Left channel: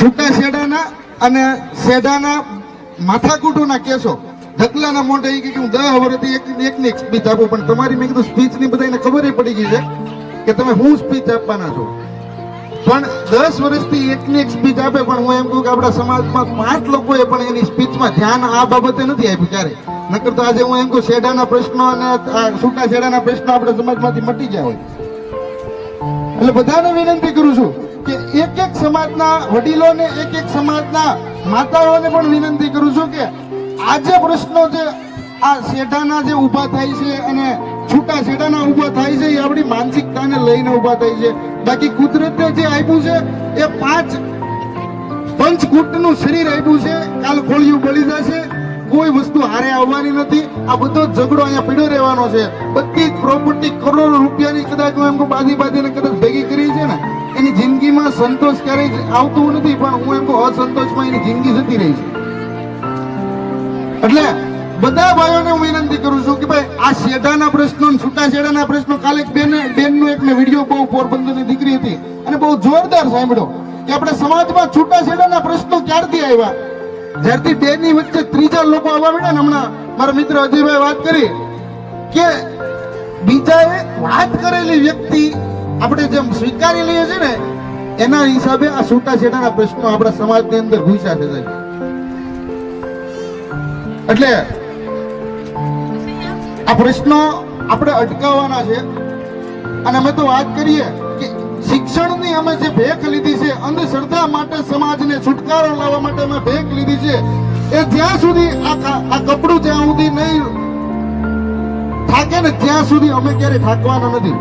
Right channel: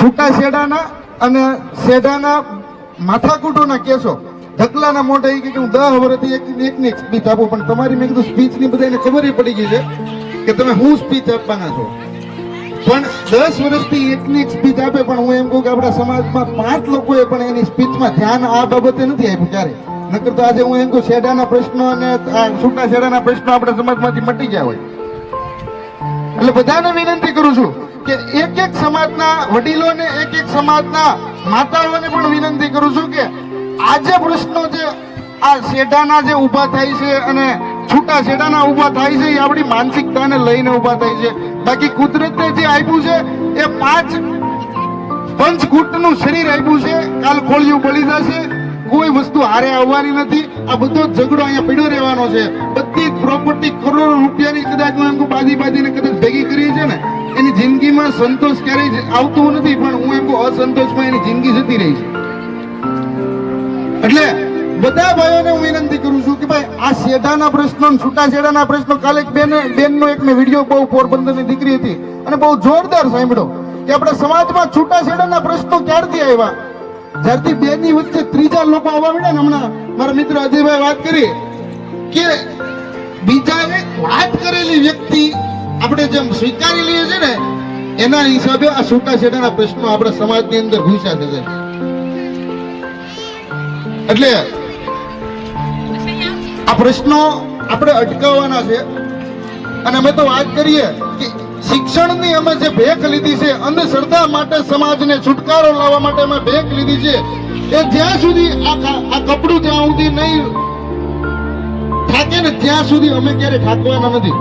છૂટા શેડાના અને શેડાના માથાકૂટોના કેસો ઢકલાના મોઢે એ કે હું 10 વર્ષથી એકની એક સ્પીચ આપું, પણ તમારી મેં કીધું સ્પીચની બધાને ખબર પડી ગઈ છે કે તમે હું સ્પીચ આપવાના છો, પણ 10 વર્ષથી એકની એક સ્પીચ આપે. પણ હું એમ કહું કે આપણા સમાજમાં 5 લોકોએ પણ એની સ્પીચમાં ધ્યાન આ બાબતે નથી આપ્યું ક્યારે. નકર તો આજે હું એમ કહું શેડાના પ્રશ્નો અને છૂટા શેડાના પ્રશ્નો આપણા સમાજમાંથી મટી ગયા હોય. એટલે બધાને વિનંતી કરું છું કે એક સમાજના વડીલોને, એક સમાજના માતાઓને પણ વિનંતી કરું છું કે આ જે પ્રશ્નો છે, આ શેઢાના જે ઊભા થાય છે અને છૂટા શેઢાના ઊભા થાય છે, એ આપણી માનસિકતાને લઈને ઊભા થાય છે. બાકી કુદરતે જે આપ્યું છે એ 5 પંચકૂટનું શરીર આપ્યું છે. કાલ ખોળિયું બળી જશે, કોઈ વસ્તુ હારે આવવાની નથી. આ બધો ઝઘડો અહીંયા પીડ્યો રહેવાનો છે. બધી પ્રોપર્ટી કરોડો રૂપિયાની કદાચ હું એમ કહું બાજી કદાચ ભેગી કરી છે ને, એની જિંદગીમાં સંતોષ ક્યારેય આવતું નથી, પણ હું એમ કહું અસંતોષમાં એની જિંદગી જતી રહી છે. એટલે બધા ભાઈઓને હું વિનંતી કરું છું કે ભાઈ આ શેઢાના પ્રશ્નો, છૂટા શેઢાના પ્રશ્નો, કાલે એક બેનનો એક મેં વિડીયો બહુ પોરબંદરની દીકરી હતી અને બહુ જોરદાર સાંભળ્યો કે આપણા સમાજમાં છૂટા શેઢાના પ્રશ્નો ક્યારથી આવ્યા, જ્યારથી બેની વચ્ચે ત્રીજા લોકો આવવા મળ્યા ને. હમણાં મારા મિત્ર અજયભાઈ વાત કરી કે બીજાએ વાત કરેલી વ્યક્તિ આપણે જેમ સ્વીકારી લઈએ છીએ ને, એના હિસાબે આ છૂટા છેડાના પ્રશ્નો આપણા સમાજની અંદર ઘૂસ્યા છે. એટલે આ પ્રશ્નો આપણે અટકાવવાના છે. અને અમે તો વાત કરીએ કે શિક્ષણની અમે જે ભેખ લીધી છે, અંધશ્રદ્ધા માટે સમાજને છુટકારો લાવવા માટે અમે ભેખ લીધી છે, એ જ્યાં સુધી આ કપડું જ્યાં સુધી નહીં થાકે ને ત્યાં સુધી અમે ક્યારે થાકવાના નથી.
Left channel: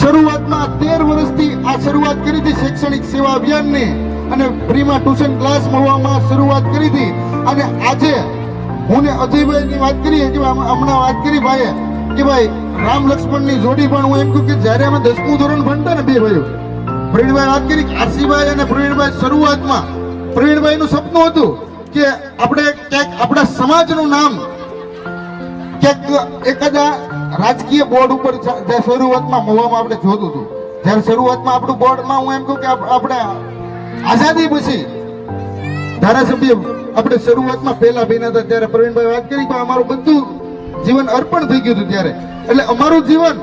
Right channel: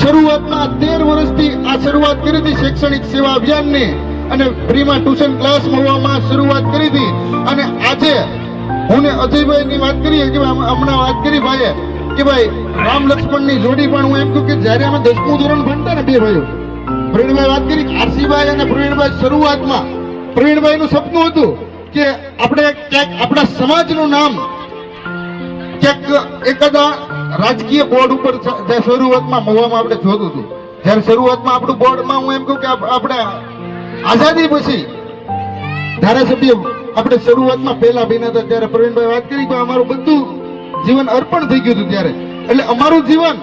શરૂઆતમાં 13 વર્ષથી આ શરૂઆત કરી હતી શૈક્ષણિક સેવા અભિયાનની, અને ફ્રીમાં ટ્યુશન ક્લાસ મળવામાં શરૂઆત કરી હતી. અને આજે હું ને અજયભાઈની વાત કરીએ કે હમણાં વાત કરી ભાઈએ કે ભાઈ રામ લક્ષ્મણની જોડી, પણ હું એમ કહું કે જ્યારે અમે 10મું ધોરણ ભણતા ને, બે ભાઈઓ પ્રવીણભાઈ વાત કરી, આરસીભાઈ અને પ્રવીણભાઈ, શરૂઆતમાં પ્રવીણભાઈનું સપનું હતું કે આપણે ક્યાંક આપણા સમાજનું નામ ક્યાંક એકાદા રાજકીય બોર્ડ ઉપર શરૂઆતમાં મવામાં આપણે જોતું હતું. જ્યારે શરૂઆતમાં આપણું બોર્ડમાં હું એમ કહું કે આપણે આઝાદી પછી ધારાસભ્ય આપણે શરૂઆતમાં પહેલા બન્યા હતા, ત્યારે પ્રવીણભાઈ વાત કરી કે અમારું બધું જીવન અર્પણ થઈ ગયું હતું ત્યારે. એટલે અમારું જીવન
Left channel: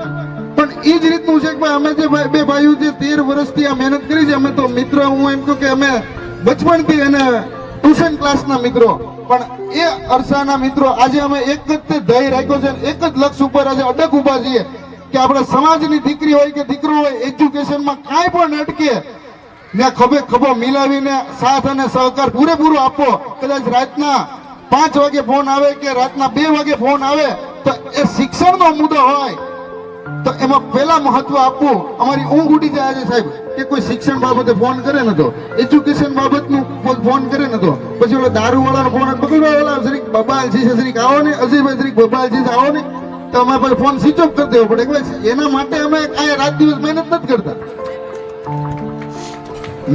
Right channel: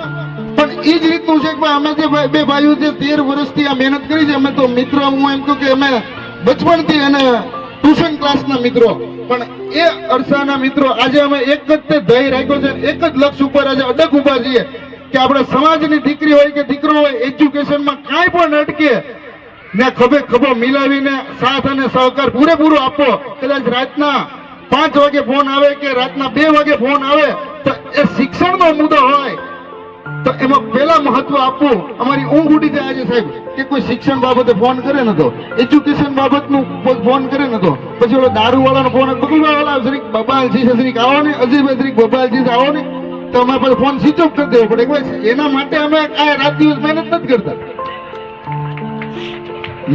પણ એ જ રીતનું છે કે અમે જે બે ભાઈઓ જે 13 વર્ષથી આ મહેનત કરી છે, અમે તો મિત્ર, હું એમ કહું કે અમે બચપણથી અને ટ્યુશન ક્લાસના મિત્રો, પણ એ અરસાના મિત્રો આજે અમે એક જ તે ધ્યેય રાખ્યો છે, એક જ લક્ષ્ય ઉપર આજે અડગ ઉભા છીએ કે આપણે સમાજની દીકરી હોય કે દીકરો હોય, એજ્યુકેશનમાં કાંઈ પણ અટકે ને ખભે ખભો મિલાવીને સાથ અને સહકાર પૂરેપૂરો આપો. કદાચ રાતના 5 વાગે ફોન આવે કે રાતના 2 વાગે ફોન આવે તો એ શિક્ષણનો મુદ્દો હોય તો એમાં પહેલા મહત્વ આપવું. અમારી ઊંઘ ઉડી જાય આજે સાહેબ કે કોઈ શિક્ષણ બાબતે ફોન કરે ને તો, એજ્યુકેશન બાબતનું ફોન કરે ને તો, પછી ઓલો દારૂ વાળાનો ફોન, બકુલવાળા જરીક બબાલજી છે, જરીક આવો ને, અજયભાઈ જરીક બબાલજી છે, આવો ને, તો અમારે પછી ફોન સ્વિચ ઓફ કરી દેવો પડે. એના માટે અમે કાંઈ રાત દિવસ મહેનત નથી કરતા.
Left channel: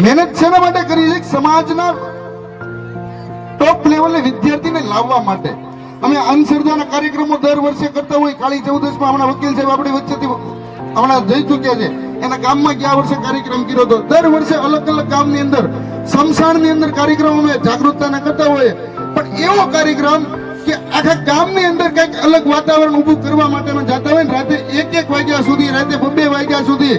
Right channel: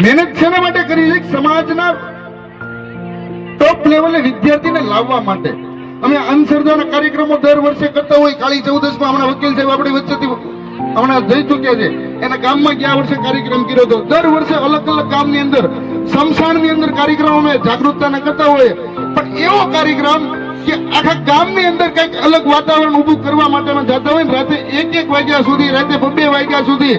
મહેનત શેના માટે કરી છે? સમાજના ટોપ લેવલે વિદ્યાર્થીને લાવવા માટે. અમે અંધશ્રદ્ધાના કાર્યક્રમો દર વર્ષે કરતા હોય. કાળી ચૌદસમાં હમણાં વકીલ સાહેબ આપણી વચ્ચેથી હમણાં જઈ ચૂક્યા છે, એના ગામમાં ગયા વર્ષે કાર્યક્રમ કર્યો હતો. દર વર્ષે અલગ અલગ ગામની અંદર, સમસાણની અંદર કાર્યક્રમ અમે જાગૃતતાને કરતા હોઈએ, પણ એવો કાર્યક્રમ કે આખા ગામની અંદર કંઈક અલગ વાતાવરણ ઊભું કરવા માટે અમે જતા હોય ને, રાતે 1 વાગ્યા સુધી, રાતે 2 વાગ્યા સુધી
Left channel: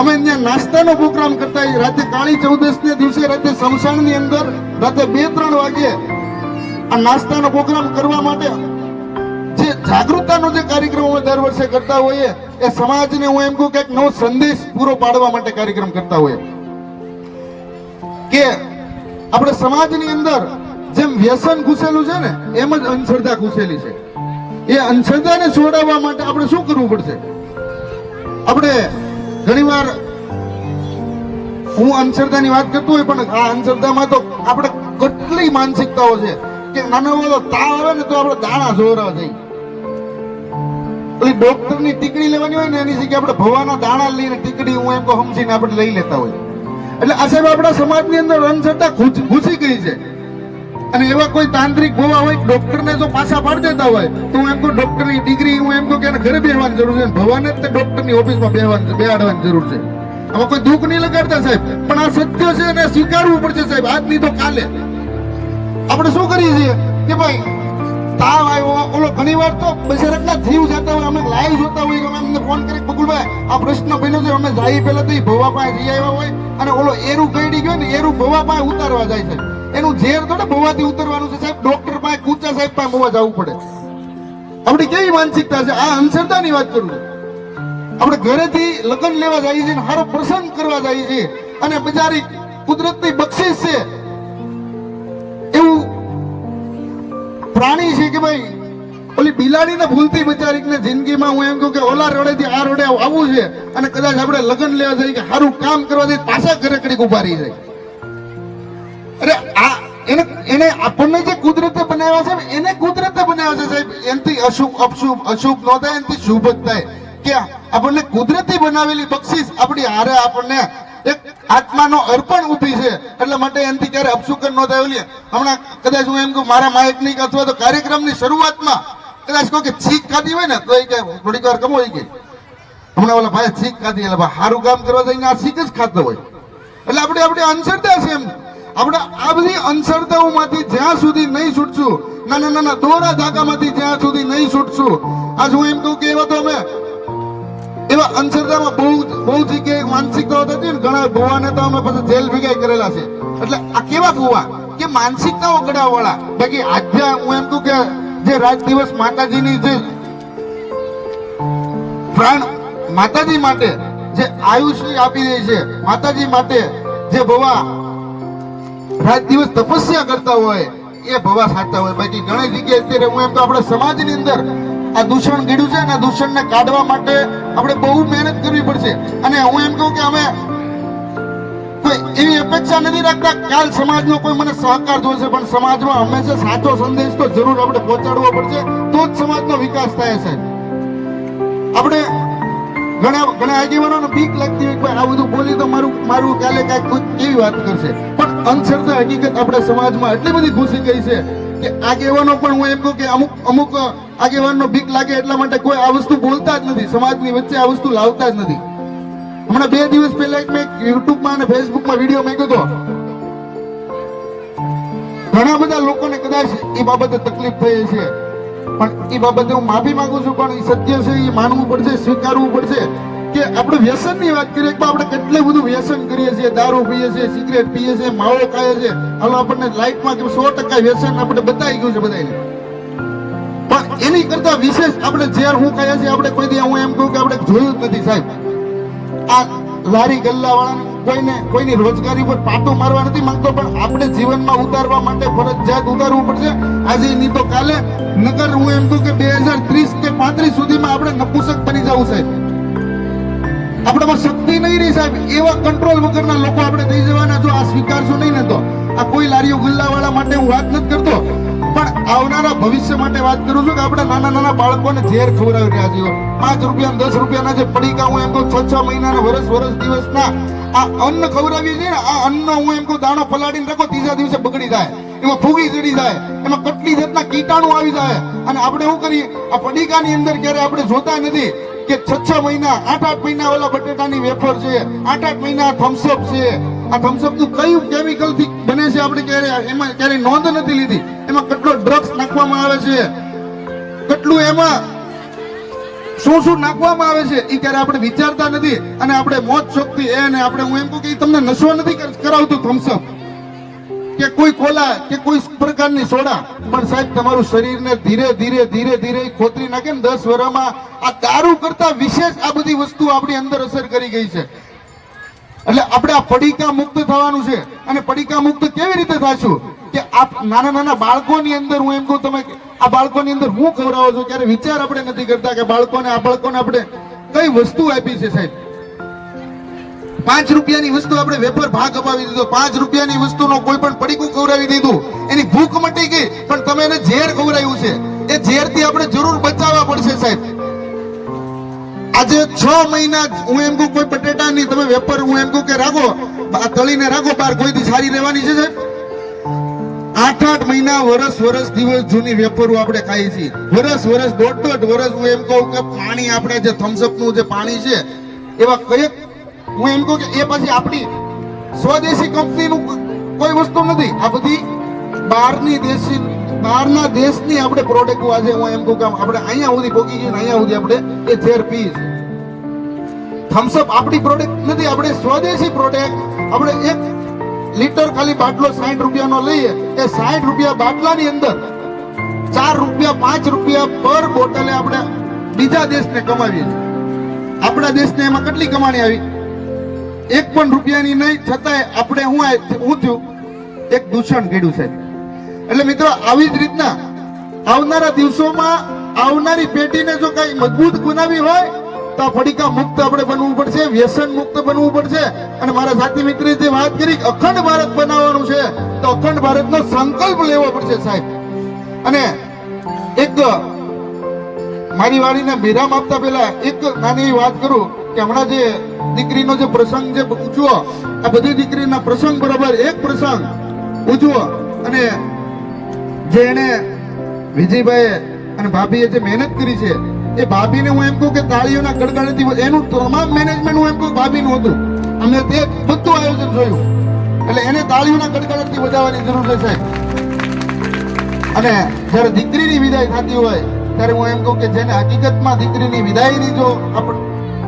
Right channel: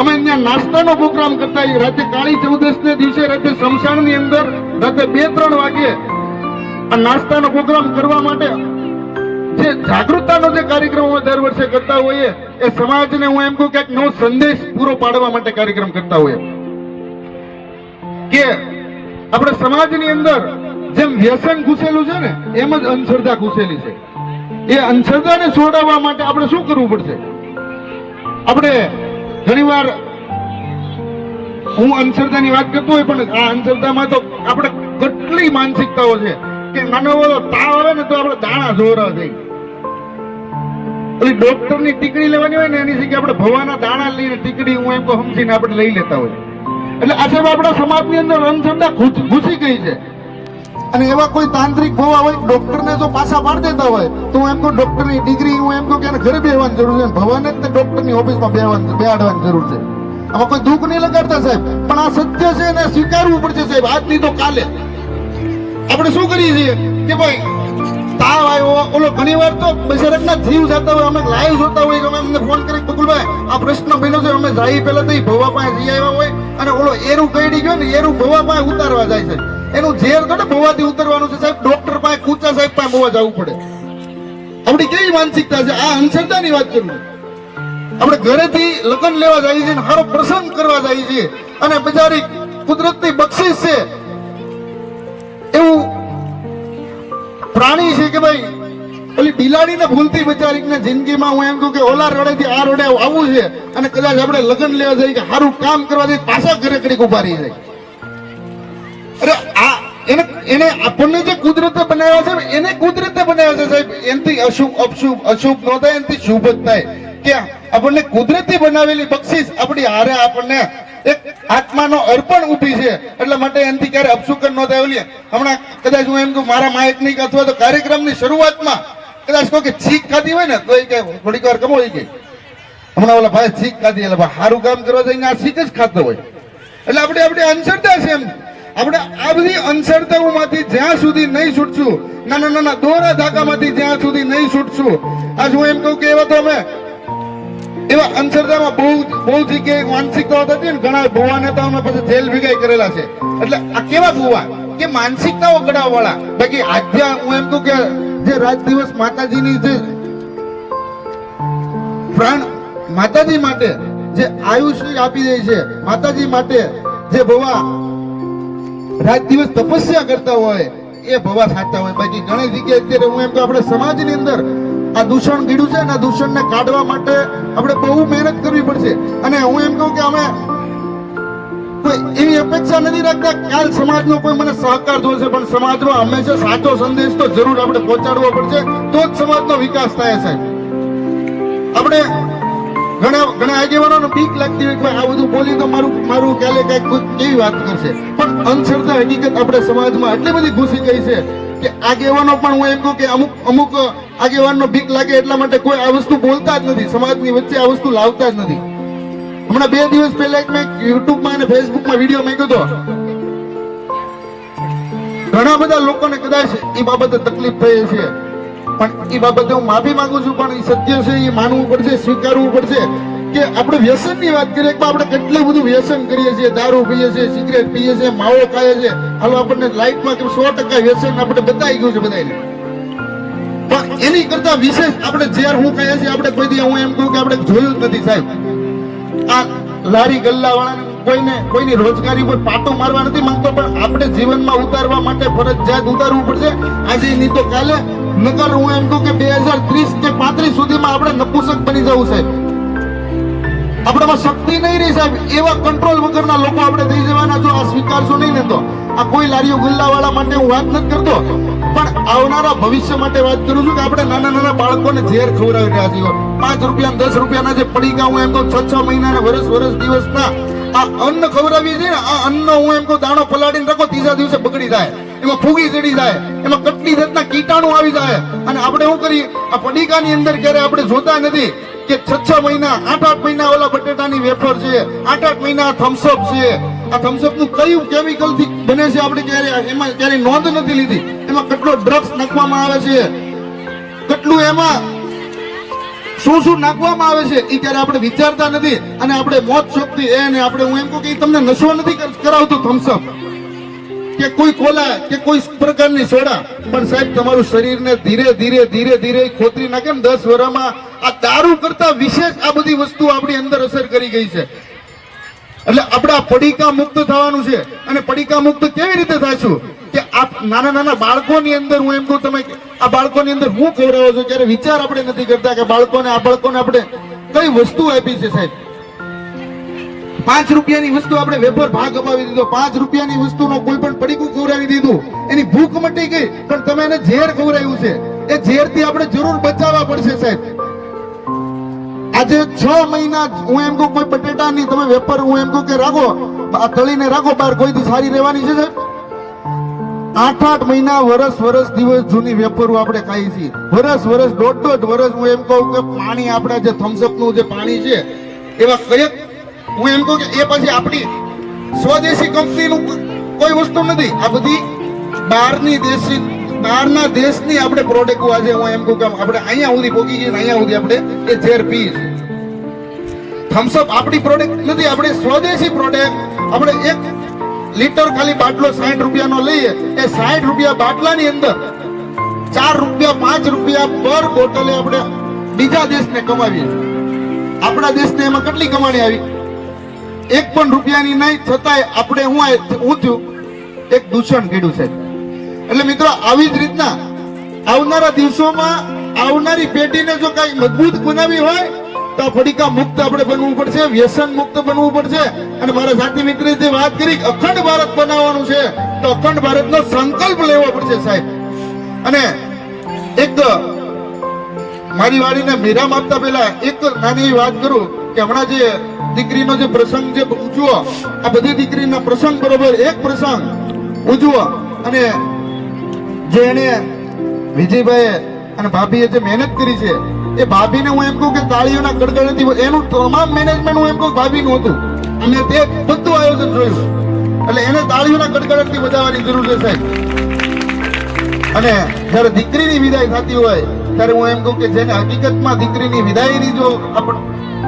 અમે ત્યાં નાસ્તાનો પ્રોગ્રામ કરતા હોઈએ. રાતે કાળી ચૌદસને દિવસે રાતે સમસાણની અંદર રાતે 2-3 વાગે આ નાસ્તાનો પ્રોગ્રામ કરવા માટે જે જાગૃતતાનો જે કાર્યક્રમ અમે દર વર્ષે કરતા હોઈએ, એ સમાજને હું એમ કહું કંઈક નવો સંદેશ પૂરો પાડવા માટે કાર્યક્રમ કરતા હોઈએ કે આપણે સમાજની અંદર જેમ વ્યસન ઘૂસેલું છે ને, એમ જ અંધશ્રદ્ધા ઘૂસેલી છે. એ અંધશ્રદ્ધાને છોડાવવા માટે આપણે શું કરવું પડશે? આપણે ઘણીવાર હું અંધશ્રદ્ધાની વાત કરતો હોય, પણ આ અંધશ્રદ્ધામાં તો આપણે કેટલી માનસિકતાઓ છે કે નાનો બધો તાવ આવે ને તો આપણે દાણા જોરા થઈ. ઓલી ડોક્ટરની ટીકડી લેવાની હોય ને, એની જગ્યાએ આપણે ભવાના દાણા લઈને ટીકડી હું એમ કહું સમજીને આપણે લઈ લેતા હોય. એટલે આ સાહેબ આપણા સમાજની અંદર અંધશ્રદ્ધા ઘૂસી ગઈ છે. અને એવા કોઈ તાંત્રિક ભવા હોય, ડોક્ટરને જો પાછા પાડી દેતા હોય તો હું એમ કહું ડોક્ટરની ડિગ્રી હું એમ કહું કે એને ઘરે બેસવાની જરૂર છે, ભવાને જ ડોક્ટરની ઓફિસમાં બેસાડવાની જરૂર છે. આમાં કોઈ દુઃખ નહીં લગાડતા સાહેબ, પણ આ સત્ય છે એને સ્વીકારવું પડશે સાહેબ. આજ નહીં તો કાલે આપણે શું કરીએ છીએ કે ભાઈ તાવ આવ્યો, ઓલો ઘણી વાર તો બિચારાના જીવ જતા હોય, અમે લાઈવ જોતા હોય, અમે અમને ફોન કરી બકુલભાઈ આ પ્રશ્ન બન્યો છે, અમે જાય પહેલા તો ભવા પાસે જઈ આવ્યા હોય અને ઓલો એરું કઈડી ગયો ને એરું ભવા પાસે ઉતારવા જાય છે. એનું ઝેર તો ભવાથી ઉતરવાનું છે સાહેબ. ડોક્ટર પાસે કૂચા સાહેબ પાસે ભવા જવું પડે. આપણી કેવી માનસિકતા છે, આ અંધશ્રદ્ધાની વાત કરું છું. આપણે ઘરેથી લગ્ન લેવા જઈએ છીએ, સારો પ્રસંગ કરવા જઈએ છીએ અને બજારી કુદરતની બક્ષિસ છે એવું પ્રાણી છે કે ભાઈ ઓલી બિલાડીને ભૂલતી બચારીને જિંદગીમાં હું એમ કહું કે ઓલા રોડેથી આ રોડે આવવું છે અને કદાચ આપણે લગ્ન લેવા જઈએ કે સારું કામ કરવા જઈએ પાછા ઘરે કડીક ઉભા રહી જાય. અરે આ એને આપણને જે કુદરતે બનાવ્યા છે એને કુદરતે બનાવ્યા છે સાહેબ. એનાથી અશુભ અપશુભ અશુભ ન થાય, એનાથી શુભ જ થાય કે આપણને કુદરતી બનાવેલી બક્ષિસ આપણી હારે આપણને એક આત્માનો અર્પણ ઊભી છે. એટલા માટે એનાથી ક્યારે અપશુકન ન થાય. ઓલી હમણાં કદાચ હું એમ કહું મારા માયકની અથવા તો કાર્યક્રમની શરૂઆતમાં કદાચ કહો કે છીક ખાધી હોય ને તો એ કે થોડીક વાર કમો હોય કે હમણાં ઓલા ભાઈ છીક ખાધી એટલે સારું કામ કરવા જઈને આ છીક જ ખાતો હોય. એટલે આપણે અંધશ્રદ્ધા છે એમ. આપણે આ બધી અંધશ્રદ્ધાઓમાંથી જ્યાં સુધી નહીં છૂટશું, નાના નાના દોરા ધાગામાંથી જ્યાં સુધી નહીં છૂટશું, આજ હું એમ કહું કે એવા તો અમે એવા અંધશ્રદ્ધામાં બહુ જગ્યાએ માનસિકતાઓ થતી ને ઘણા ભુવાને તો અમે પછી જેલ ભેગા કરેલા છે. એટલે આ કેવા ભુવા કે માનસિકતાઓ ગળાવ વાળા. બાકી આધ્યા હું એમ કહું કે જે રાત દિવસ માતાજીની જે પ્રાણ માતાજી માટે જે આયુષ્ય આપી દે છે, માતાજી માટે જે ભવા રાત દિવસ તપસ્યા કરતા હોય એ ભવા સાચા હોય. બાકી ઘણી જગ્યાએ અત્યારે હું એમ તો આપણા સમાજની અંદર આ દૂષણ ગીડ્યું છે અને આ દૂષણને કાઢવા માટે આપણે બહુ મહેનત કરવી પડશે. અને હું એમ કહું કે અમે કોઈ એવી અપેક્ષા નથી રાખતા કે આ સમાજનો કોઈ મને સહકાર જોશે, પણ સમાજમાં હંમેશા સાચો સંદેશ તો જરૂર આપણે પહોંચાડવો પડશે, તો જ સમાજનો વિકાસ થાય સાહેબ. આપણે ઘણા આગેવાનોને બીક લાગતી હોય કે આ બધું બોલી તો મારું ક્યારે કઈક કેવી વાત કરશે, પણ અંધશ્રદ્ધા હકીકત આપણે સમાજમાં એટલી બધી ઘૂસી ગઈ છે કે આગેવાનો પણ હું એમ કહું કે અમુક આગેવાનનો બીક લાગે એટલા માટે કોઈ આ વસ્તુ બોલતા જ નથી, સમાજની વચ્ચે આ વસ્તુ લાવતા જ નથી. હમણાં 2 દિવસ પહેલા મેં યુટ્યુબમાં અને ફેસબુકમાં વિડીયો મૂક્યો હતો. ઘણા બધા લોકોને કદાચ એ બાબતે તકલીફ થઈ છે, પણ એ બાબતે હું માફી માંગુ છું. પણ એ સત્ય છે, એ માનવું પડશે, સ્વીકારવું પડશે કે આપણે વ્યસનની વાત કરીએ કે આપણે કેટલું બધું વ્યસન કરીએ છીએ, દારૂ પીએ છીએ, સિગરેટ પીએ છીએ, માવો ખાઈએ છીએ. હાલો આપણને લાઈફમાં 100% વ્યસન આપણે બતાવી ગયું છે બધાને, પણ એની કરતા વિશેષ આપણે ઝેર હું કહીએ છીએ આપણે કોઈ દી હું એમ કહું કે આપણે જોયું જ નથી સાહેબ. આ લારી ગલ્લા વાળાને કોઈની રોજગારી પર પાટો મારવા નથી માંગતો, પણ આપણે જીવનમાં ઉતારવા માટે ફરજિયાત ઉતારવું પડશે આજે નહીં તો કાલે. નકર હું એમ કહું કે 2030 કે 35 સુધીમાં આપણે નપુસક બની જવું સાહેબ. આપણામાં શક્તિ નહીં રહી સાહેબ. એવા કંટ્રોલ વગરના લોકો આપણે થઈ જવાના જો આ સ્વીકારશો નહીં ને તો. આ કોઈ લારીઓ ગલ્લા વાળા માટે હું વાત નથી કરતો, પણ આવનારા ભવિષ્ય માટે વાત કરું છું કે આપણે નાના નાના બાળકોને ઝેર ખવડાવી રહ્યા છીએ. 5 રૂપિયા 10 રૂપિયાના જે પડીકા હું એમ કહું 6 મહિનાના વર્ષ દિવસના આ અન્ન ખવડાવીએ છીએ ને, આ અન્ન હું એમ કહું દાણો પલાળીને રાખો, ત્રીજા દિવસે બગડી જાય, એમાં ફૂગી ચડી જાય, એમાં કેટલી જાતના કીટાણુ આવી જાય. અને આપણે શું કરીએ આ પડીકાની અંદર ક્યારે આપણે જોતા નથી કે 6 મહિના 8 મહિના ઓલા બટેટાની વેફર છે, 8 મહિના થમ્સઅપ છે. આ થમ્સઅપ નું કયું કેમિકલ થી બને છે આપણે એમાં ક્યારે નોંધ નથી લીધી. એમાં કેટલો ડ્રગ્સ નાખવામાં આવે છે, કેટલું એમાં શું નાખવામાં આવે છે એ ક્યારે આપણે વિચારતા નથી. અને આપણે મોત શોખથી એને આપણે હું એમ કહું કે તમને નશો નથી કરાવતું થમ્સઅપ કે કોઈ કોલા કે કોઈ પ્રકારની સોડા, પણ સાહેબ તમારું શરીરને ધીરે ખોતરી નાખે ને 10 વર્ષમાં. આ દારૂ કરતા વિશેષ આ બધી વસ્તુ આપણી અંદર અસર કરી ગઈ છે. એટલે આપણે આ પડીકા મુક્ત થવાનું છે. અને પડીકા મુક્ત કેવી રીતે થાશું કે આ નાના બાળકોની અંદર હું એમ કહું તમે આ બાળકોની અંદર હું ખવડાવો છો ત્યારે વિચાર આપણે નથી કરતા કે બાળકોને આપણે કઈ વસ્તુ આપી છે સાહેબ. 5 રૂપિયાની વસ્તુ આપણે વેપાર ભાગ અપાવી દીધો, 5 રૂપિયાની વસ્તુનો કોઈ પણ પડીકું ખવડાવી દીધું, એની ભૂખ મટી ગઈ, પણ તમે એને ઝેર ખવડાવ્યું છે. એ ઝેરથી આપણે જરૂર બચાવવા પડશે સાહેબ. આજે 6 મહિના હું એમ કહું કોઈ બટેટાની તમે વેપાર હું એમ કહું કે રાખો તળીને રાખો બહાર, કોઈથી સારી રહેવાની છે સાહેબ. 8 મહિના વર્ષ દિવસ જૂની વેપારો આપણે ખાઈએ છીએ. વર્ષ 1.5 વર્ષ હું એમ કહું કે પાણી આપણા જે થમ્સઅપ નું જે પાણી છે એવા કયેક હું એમ કહું કે એ પછી આપણી સ્વદેશી કંપનીનું કોઈ વસ્તુ નથી. આ બધી બહારના દેશની આપણે પ્રોડક્ટ આજે હું એમ કહું કે આપણે અહીંયા સુધી પહોંચી ગઈ ને અહીંયા સુધી આપણે એ ઝેર પી છે. થમ્સઅપ આપણી પ્રોડક્ટ નથી, આપણે સ્વદેશી પ્રોડક્ટ. આપણે 1 લીટર ખાલી બાટલો 60 રૂપિયાનો લઈએ, એ 60 રૂપિયા બાટલાની અંદર 4 રૂપિયા 5 રૂપિયા પર બોટલે આપણે બીજા દેશને કમાવીએ. આપણા દેશને એમાં કેટલી કમાણી આવી? 1 પણ રૂપિયાની નહીં, છતાંય આપણે હું થયું એક દૂષણ કર્યું છે. એટલે મિત્રો આવી જ રીતના આવનારા દિવસોમાં આવનારી પેઢીને જો કઈ મજબૂત બનાવી હોય તો આ ફડીકા મુક્ત આપણે બનવું પડશે, વ્યસન મુક્ત બનવું પડશે. અને મારા સાથી મિત્રે જે વાત કરી અખંડ ભારત બનાવવાનું છે, તો અખંડ ભારતનો સંકલ્પ લેવો પડશે સાહેબ. અને એક મારી વાડીને વિરામ આપતા પહેલા એક નાની વાત કરું કે હમણાં જે દીકરીનો જે પ્રસંગ જે ઉજવો, આ બધી દીકરીના પ્રસંગ બરોબર એક પ્રસંગ ઉજવો. અને જે એને વિજયભાઈ અને ભાભીએ જે મહેનત કરી છે એ ભાભીને હું એમ કહું કે તાળીઓના ગડગડાટથી એનું તમામ મેનેજમેન્ટ હું એમ કહું ભાભીનું હતું. અમે તે બધું આયોજન જોયું, એટલે એને તાળીઓના ગડગડાટથી વધારવાની જરૂર છે સાહેબ. અને જ્યારે દીકરીની વિદાય થતી હોય ત્યારે હું એમ કહું કે જેને હકીકતમાં દીકરીની વિદાયની જો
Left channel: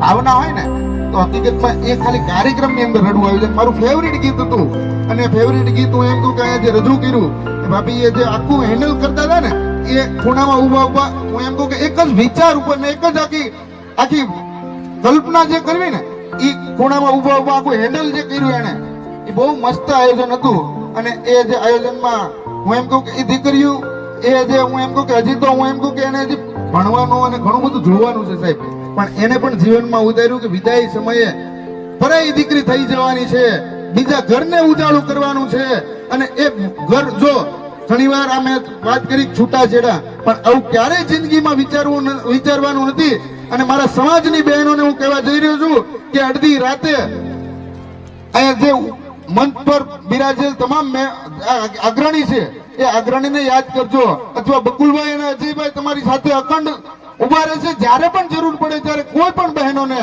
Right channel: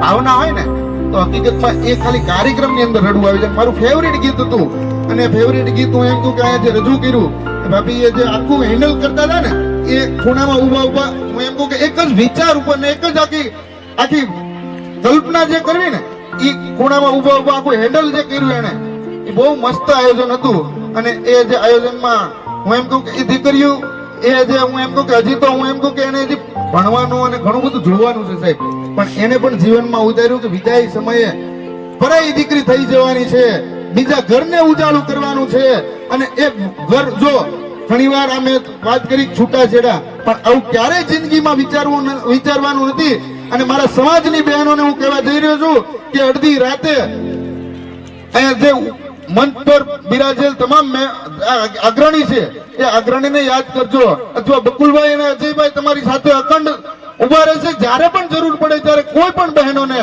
ભાવના હોય ને તો હકીકતમાં એ ખાલી કાર્યક્રમની અંદર રડવું આવી જાય. મારું ફેવરિટ ગીત હતું અને ફેવરિટ ગીત હું એમ કહું કે અહીંયા જે રજૂ કર્યું ભાભી એ જે આખું હેન્ડલ કરતા હતા ને એ ખૂણામાં ઊભા હું એમ કહું કે એક જ વિચાર ઉપર ને એક જ આખી કલ્પના જે કરવી ને એ ખૂણામાં ઊભા આખું હેન્ડલ જે કર્યું એને એ બહુ મસ્ત આયોજન હતું. અને એ જે આયોજનમાં હું એમ કહું કે એ દીકરીઓ એ જે હું એમ કહું કે હજી તો હું એમ કહું કે એને હજી ભણવાનું અને ઘણું બધું જોવાનું છે સાહેબ, પણ એને પણ જીવનમાં ઉતાર્યું કે વિદાય સમયે પરાઈ દીકરી થઈ જવાની છે, બીજા ઘરને ઉજાળું કરવાનું છે. અને એ ઘર જો ઘણીવાર અમે વાત કરી છૂટાછેડા, પણ આવું ક્યારેય જિંદગીમાં વિચારવાનું નથી. અને મારા સમાજની બહેનોને હું કહેવા જઈ રહ્યો છું કે અડધી રાતે અહીંયા જે મંચ પર બિરાજેલ તમામ અગ્રણી છે એ અગ્રણીને યાદ કરજો, અથવા બકુલભાઈ અને અજયભાઈ તમારી સાથે અખંડ ઉભા રહેશે. જ્યારે પણ જરૂર પડે ત્યારે કોઈ પણ બહેનોને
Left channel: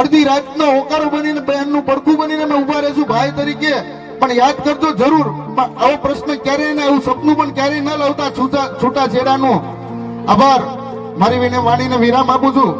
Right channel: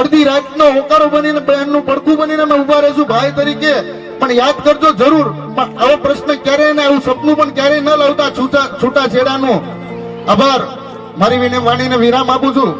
અડધી રાતનો હોકારો બનીને બહેનનું પડખું બનીને અમે ઉભા રહેશું ભાઈ તરીકે. પણ યાદ કરજો જરૂર, પણ આવો પ્રશ્ન ક્યારેય ને આવું સપનું પણ ક્યારેય ન લાવતા છૂટાછેડાનું. આભાર. મારી વાણીને વિરામ આપું છું.